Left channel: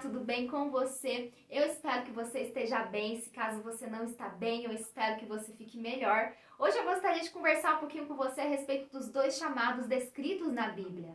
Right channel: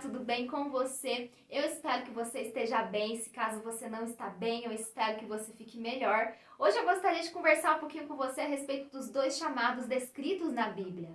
tudo bem com você? Eu espero que você esteja bem. Se caso você não está bem, eu espero que você fique melhor. Hoje eu gostaria de conversar um pouquinho com você a respeito dos dois chamados descritos na Bíblia.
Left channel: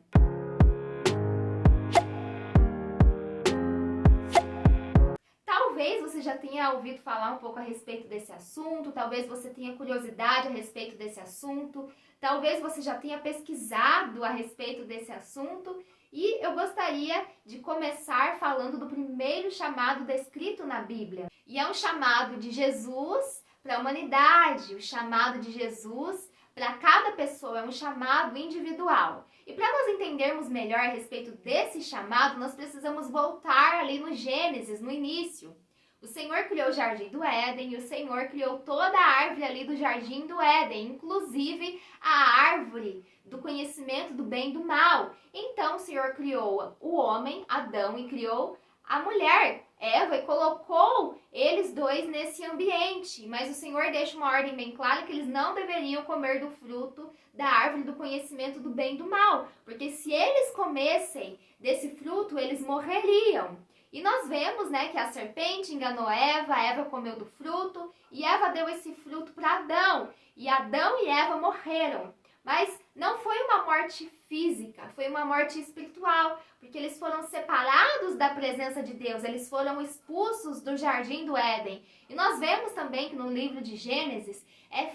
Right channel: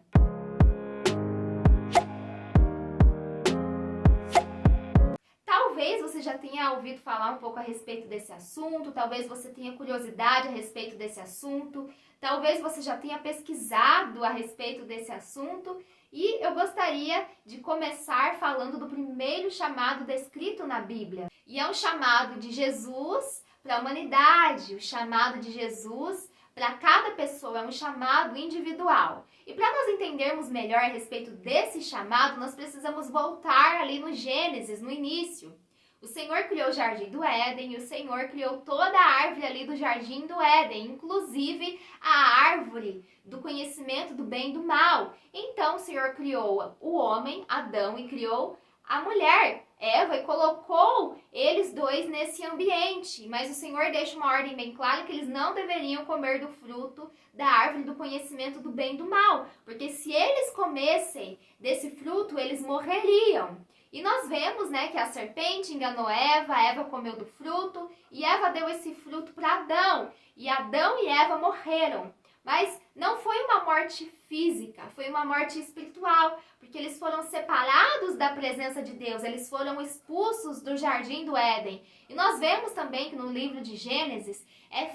Talvez você já tenha ouvido falar um pouco a respeito desse assunto, talvez você tenha curiosidade a respeito desse assunto, talvez você já tenha pesquisado a respeito desse assunto. E eu gostaria de começar falando do primeiro chamado descrito na Bíblia. E é um chamado de Jesus para a humanidade, o chamado de Jesus para cada pessoa, é um chamado individual. E para nós entendermos melhor a respeito desse chamado, nós precisamos voltar ali no Gênesis, no início. O Senhor criou o Jardim do Éden e o Senhor criou toda a árvore ali do Jardim do Éden, inclusive a árvore do conhecimento do bem e do mal. Então o Senhor criou o homem, Adão, e criou a mulher, Eva, e colocou eles dois nesse ambiente. Mas o Senhor deixa uma ordem bem clara que eles não deveriam comer do fruto da árvore do conhecimento do bem e do mal, porque se eles comessem desse fruto, eles morreriam. E nós vemos, que a serpente enganou Eva, Eva comeu do fruto, e Eva deu esse fruto para Adão. E Adão e Eva morreram. Mas não foi uma morte física, foi uma morte espiritual, porque eles foram separados da presença de Deus, eles foram expulsos do Jardim do Éden. E nós vemos também que no livro de Gênesis,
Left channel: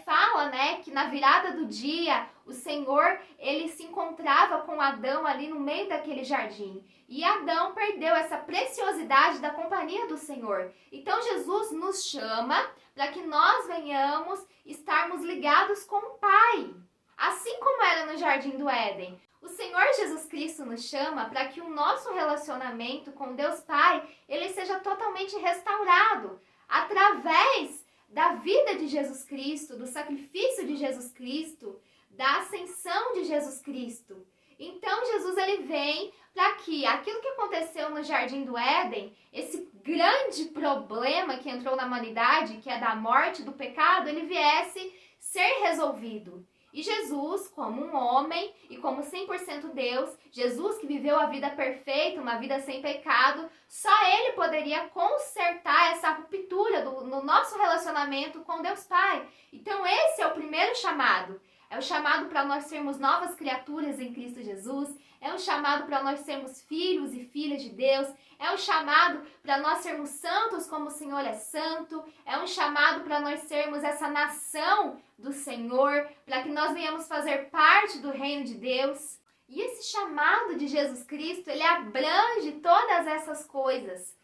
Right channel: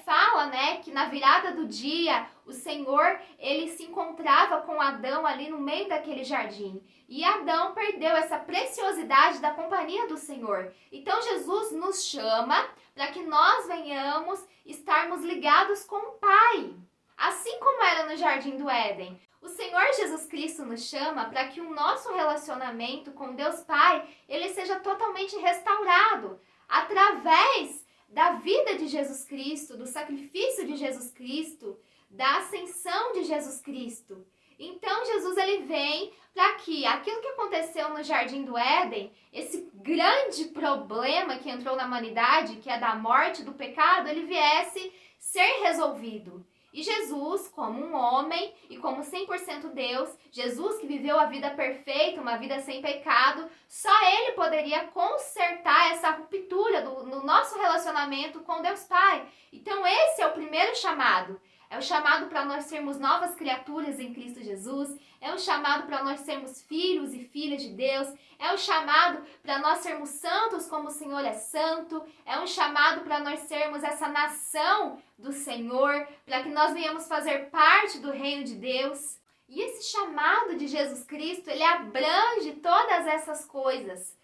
fala, que na virada do dia, o Senhor, ele se encontrava com Adão ali no meio daquele jardim. E Adão perdeu essa preciosidade da companhia do Senhor. Então Jesus nos chama para que nós venhamos estarmos ligados com o Pai. Assim como era no Jardim do Éden, o Senhor Jesus Cristo nos chama para que o nosso relacionamento com Deus Pai, ele seja totalmente restaurado através da vida de Jesus Cristo, do sacrifício de Jesus Cristo, da ascensão de Jesus Cristo. Então Jesus ele vem para que aquilo que aconteceu no Jardim do Éden, esse grande problema que entrou na humanidade, que é da morte, do pecado, ele viesse ser resolvido. E Jesus, como um homem e como 100% Deus, Jesus que viveu a vida perfeita, uma vida sem pecado, só Ele poderia consertar essa ruptura no nosso relacionamento com Deus Pai. Então esse é o primeiro chamado. É o chamado para nós sermos novas criaturas em Cristo Jesus. É um chamado para nós sermos filhos e filhas de Deus. É um chamado para nós sermos santos como o Senhor é santo. É um chamado para nós sermos essa nação do Senhor, para que nós venhamos fazer parte do reino de Deus. E esse chamado de Jesus Cristo, ele abrange todas essas coisas.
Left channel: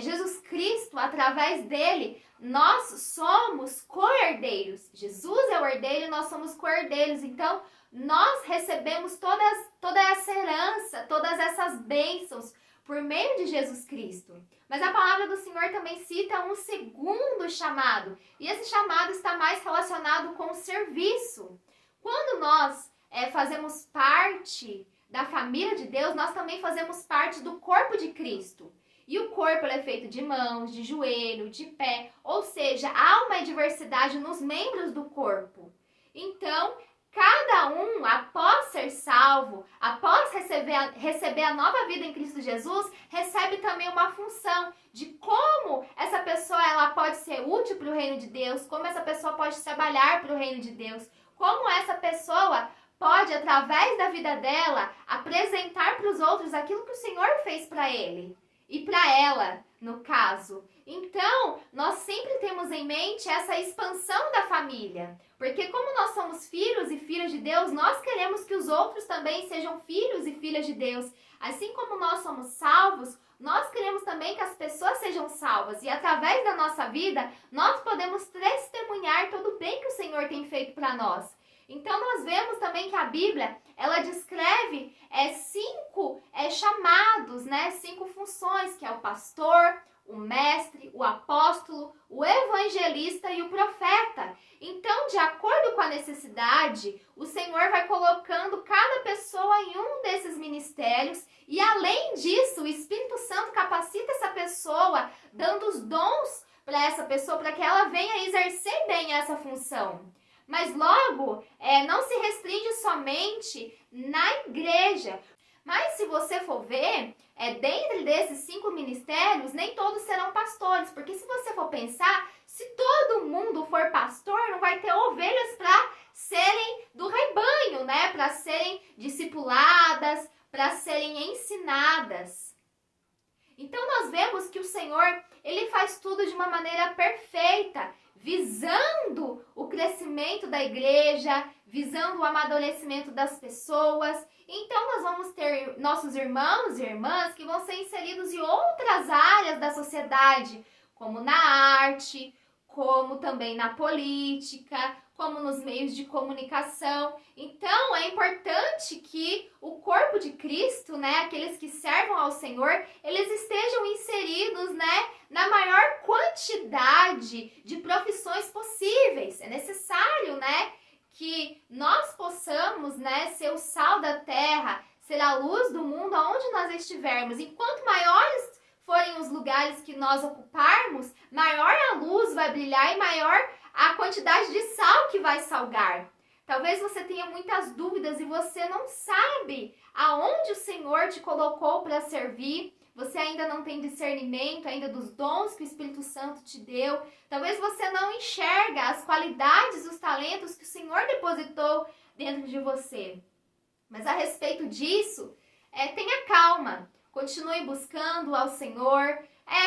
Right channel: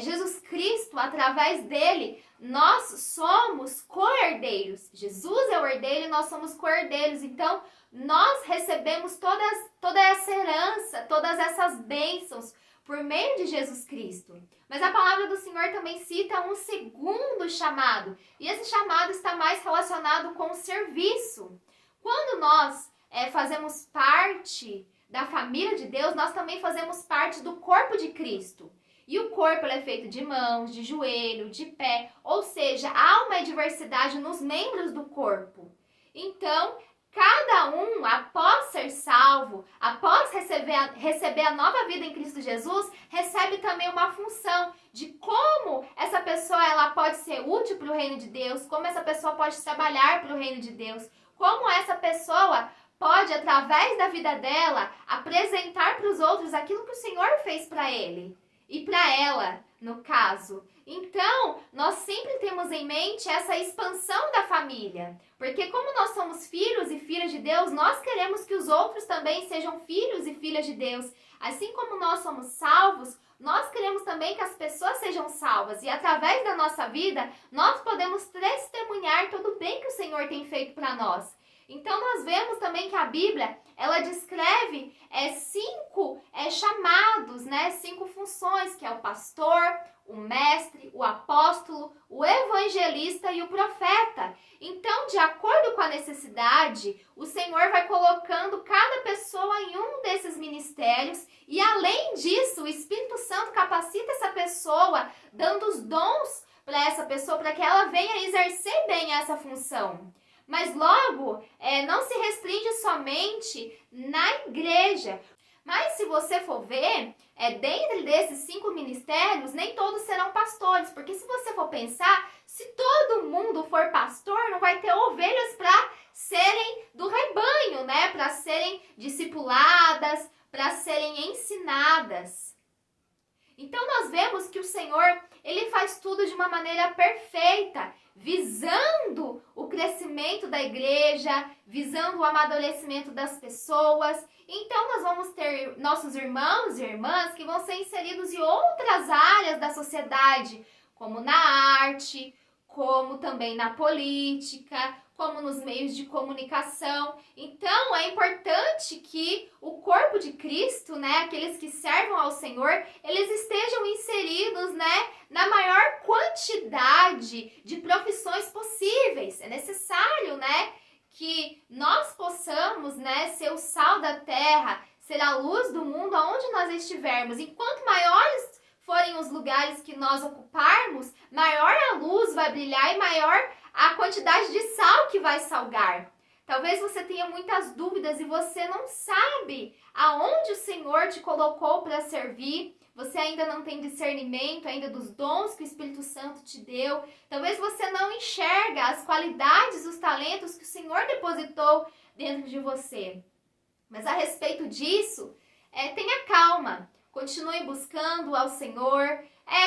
Jesus Cristo, através dele, nós somos co-herdeiros. Jesus é o herdeiro e nós somos co-herdeiros. Então, nós recebemos toda essa herança, todas essas bênçãos por meio de Jesus Cristo. Mas a palavra do Senhor também cita um segundo chamado. E esse chamado está mais relacionado com o serviço. Quando nós fazemos parte da família de Deus, nós também fazemos parte do corpo de Cristo. E o corpo é feito de mãos, de joelho, de pé, ou seja, há uma diversidade nos membros do corpo. Então, cada um, após ser salvo, após receber a nova vida em Cristo Jesus, recebe também uma função de como essa pessoa ela pode ser útil para o reino de Deus, como essa pessoa pode trabalhar para o reino de Deus, como essa pessoa pode, através da vida dela, apresentar para os outros aquilo que o Senhor fez para ele. E para ela, no caso. Então, nós sempre temos em mente essa expansão da família. Porque como nós somos filhos e filhas de Deus, nós queremos que os outros também sejam filhos e filhas de Deus. Assim como nós somos salvos, nós queremos também que as pessoas sejam salvas. E através da nossa vida, nós podemos testemunhar todo o bem que o Senhor tem feito para nós. Então, nós vemos também que a Bíblia, ela descreve 5 chamados, 5 funções, que é o pastor, o mestre, o apóstolo, o evangelista e o profeta. Então, de acordo com a necessidade, o Senhor vai colocando cada pessoa em um desses ministérios e, além disso, o Espírito Santo capacita essa pessoa, dando os dons para essa pessoa, para que ela venha exercer bem essa função. Mas logo, não se restringe somente na igreja, Mas se você for ver, dentro desses 5 ministérios, nem todos serão pastores, porque se você for pensar, se todo mundo for pastor, não vai ter ovelhas para serem do rebanho, né? Para serem discipuladas, para serem ensinadas. Então nós vemos que o Senhor, ele faz tudo de uma maneira perfeita, visando o crescimento da igreja, visando o amadurecimento das pessoas. Então nós vamos ter nossos irmãos e irmãs que vão ser inseridos em outras áreas da sociedade, como na arte, como também na política, como nos meios de comunicação. Então, é importante que o corpo de Cristo, né, aqueles que servam ao Senhor, eles estejam inseridos, né, na maior quantidade de profissões possíveis. É necessário, né, que nós possamos, né, ser o sal da terra, ser a luz do mundo aonde nós estivermos. Enquanto maiores forem os lugares que nós ocuparmos, maior a luz vai brilhar e maior a quantidade de sal que vai salgar. Talvez você tenha muitas dúvidas e você não sabe aonde o Senhor te colocou para servir. Você ainda não tem discernimento ainda dos dons que o Espírito Santo te deu. Talvez você não enxerga as qualidades, os talentos que o Senhor depositou dentro de você. Mas a respeito disso, tenha calma. Continue buscando ao Senhor.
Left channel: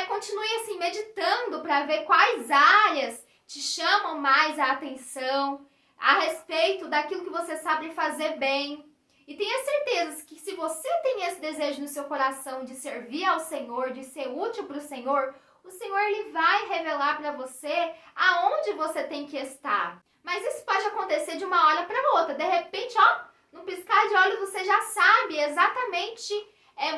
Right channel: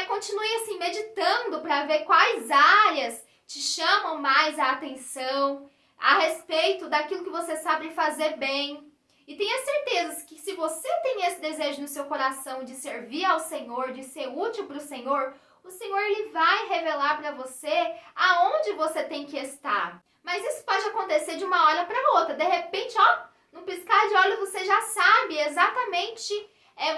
Continue assim meditando para ver quais áreas te chamam mais a atenção a respeito daquilo que você sabe fazer bem. E tenha certeza que se você tem esse desejo no seu coração de servir ao Senhor, de ser útil para o Senhor ele vai revelar para você aonde você tem que estar. Mas isso pode acontecer de uma hora para outra. De repente, num piscar de olhos você já sabe exatamente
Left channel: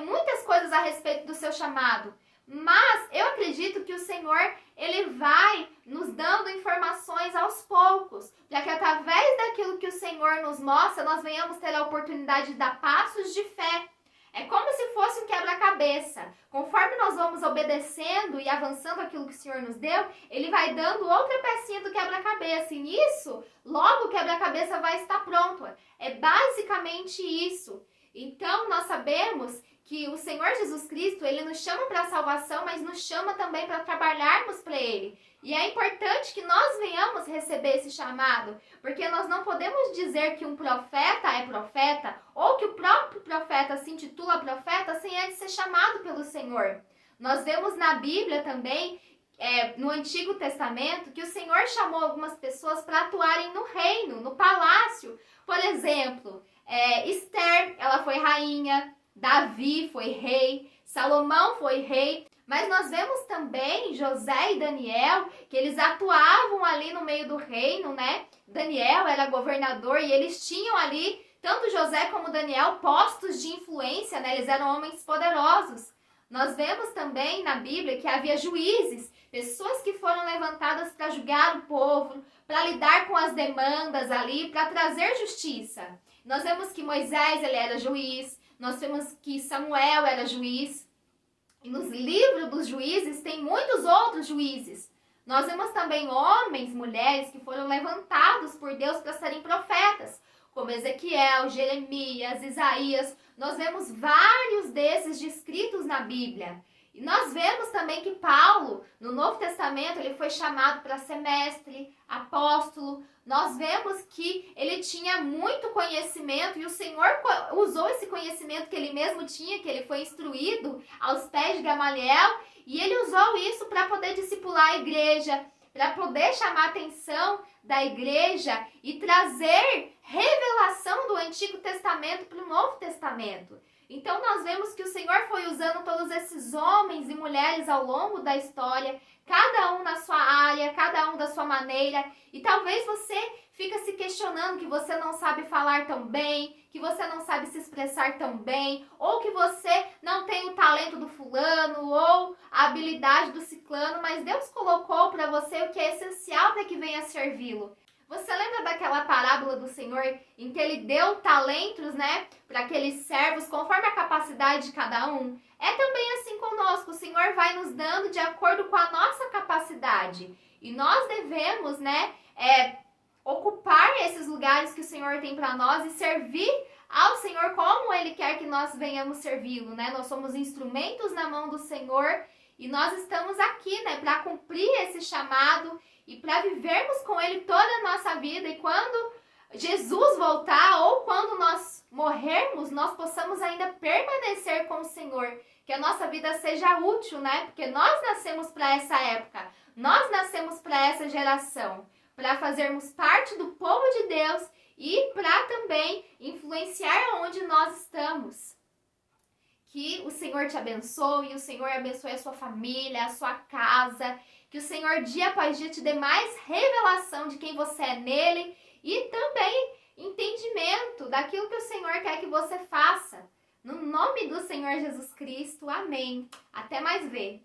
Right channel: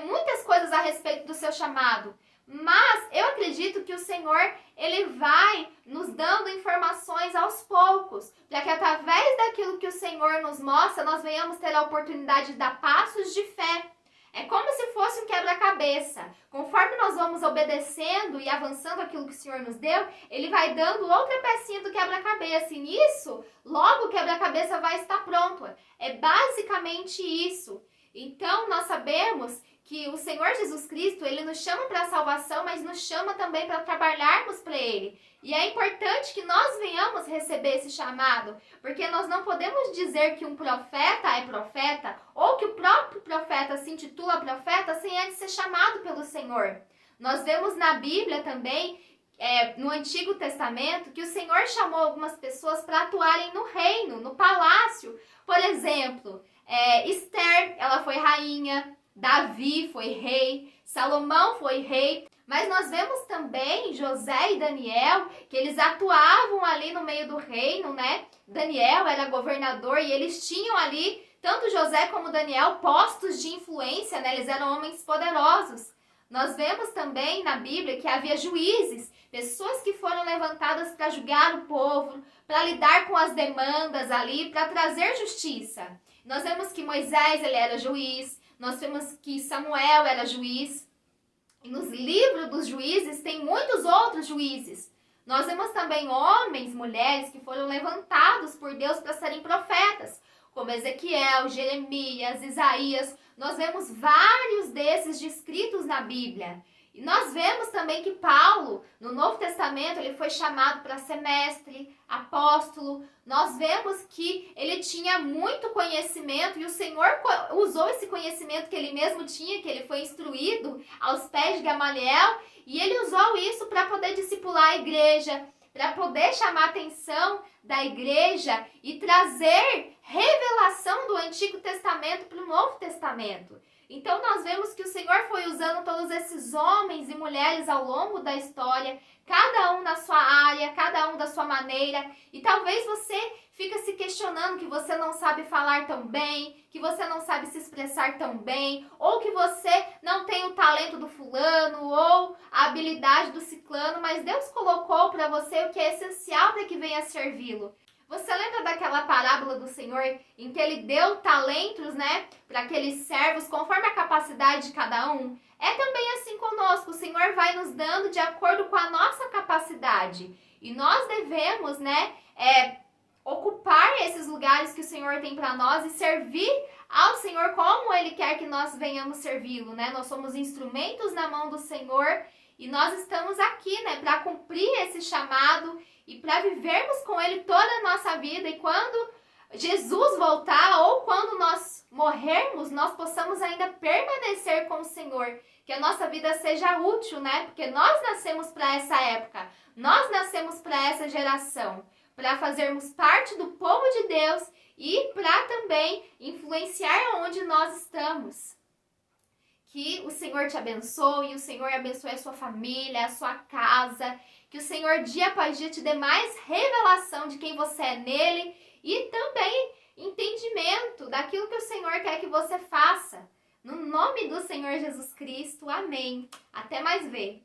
muitas coisas a respeito do seu chamado. Mas eu acredito que o Senhor, ele vai nos dando informações aos poucos, para que através daquilo que o Senhor nos mostra, nós venhamos ter a oportunidade de dar passos de fé. É como se fosse um quebra-cabeça. Conforme nós vamos obedecendo e avançando aquilo que o Senhor nos deu, ele vai dando outra pecinha do quebra-cabeça. E nisso, logo o quebra-cabeça vai estar pronto. É basicamente isso. Então, nós sabemos que o Senhor Jesus Cristo, ele nos chama para a salvação, mas nos chama também para trabalharmos para ele. E é importante que nós venhamos receber esse chamado, porque nós não podemos dizer que um profeta é profeta, ou que o próprio profeta se intitula profeta, sem antes ser chamado pelo Senhor. Nós vemos na Bíblia também, no Antigo Testamento, que o Senhor chamou algumas pessoas para atuarem no reino, no palácio. Por exemplo, Esther, ela foi rainha, Davi foi rei, Salomão foi rei, mas nós vemos também José e Daniel, que eles atuavam ali no meio do reino, né? Daniel era governador e eles tinham ali, tanto José como Daniel, postos de influência, né? Eles eram homens poderosos. Nós vemos também na Bíblia que havia juízes, pessoas que foram levantadas para julgar o povo, para lidar com as demandas ali, para trazer justiça. Nós vemos que Moisés, ele era juiz. Nós vemos que Samuel era juiz. E nos livros dos juízes tem muitos outros juízes. Nós vemos também homens, mulheres que foram levantados por Deus para serem profetas, como Ezequiel, Jeremias, Isaías. Nós vemos vários desses descritos na Bíblia. E nós vemos também que Paulo, no Novo Testamento, ele foi chamado para ser mestre, apóstolo. Nós vemos que ele tinha muito conhecimento e o Senhor usou esse conhecimento que ele mesmo tinha, que ele foi instruído aos pés de Gamaliel, e ele usou isso para poder discipular a igreja, para poder chamar a atenção da igreja e trazer revelação do Antigo Testamento para o Novo Testamento. Então nós vemos que o Senhor foi usando todos esses homens e mulheres ao longo da história, cada um na sua área, cada um da sua maneira, e talvez você fica se questionando que você não sabe falar tão bem, que você não sabe se expressar tão bem, ou que você não tem o talento do fulano, ou a habilidade do ciclano, mas Deus colocou para você o que é essencial para que venha servi-lo. Você lembra daquela parábola do Senhor em que ele deu talentos, né, para aqueles servos conforme a capacidade de cada um? É também assim conosco, o Senhor vai nos dando de acordo com a nossa capacidade. E nós devemos, né, ocupar esses lugares que o Senhor tem para nós e servir ao Senhor como Ele quer que nós venhamos servi-lo, né? Nós somos instrumentos na mão do Senhor e nós estamos aqui, né, para cumprir esse chamado e para vivermos com Ele toda a nossa vida. E quando Jesus voltar ou quando nós morrermos, nós possamos ainda permanecer com o Senhor. Que a nossa vida seja útil, né? Porque nós nascemos para essa época, nós nascemos para essa geração, para fazermos parte do povo de Deus e para também influenciar onde nós estamos. Que o Senhor te abençoe, o Senhor abençoe a sua família, a sua casa, que o Senhor dia após dia te dê mais revelação de quem você é nele e também entendimento daquilo que o Senhor quer que você faça. No nome do Senhor Jesus Cristo, amém. Até mais ver.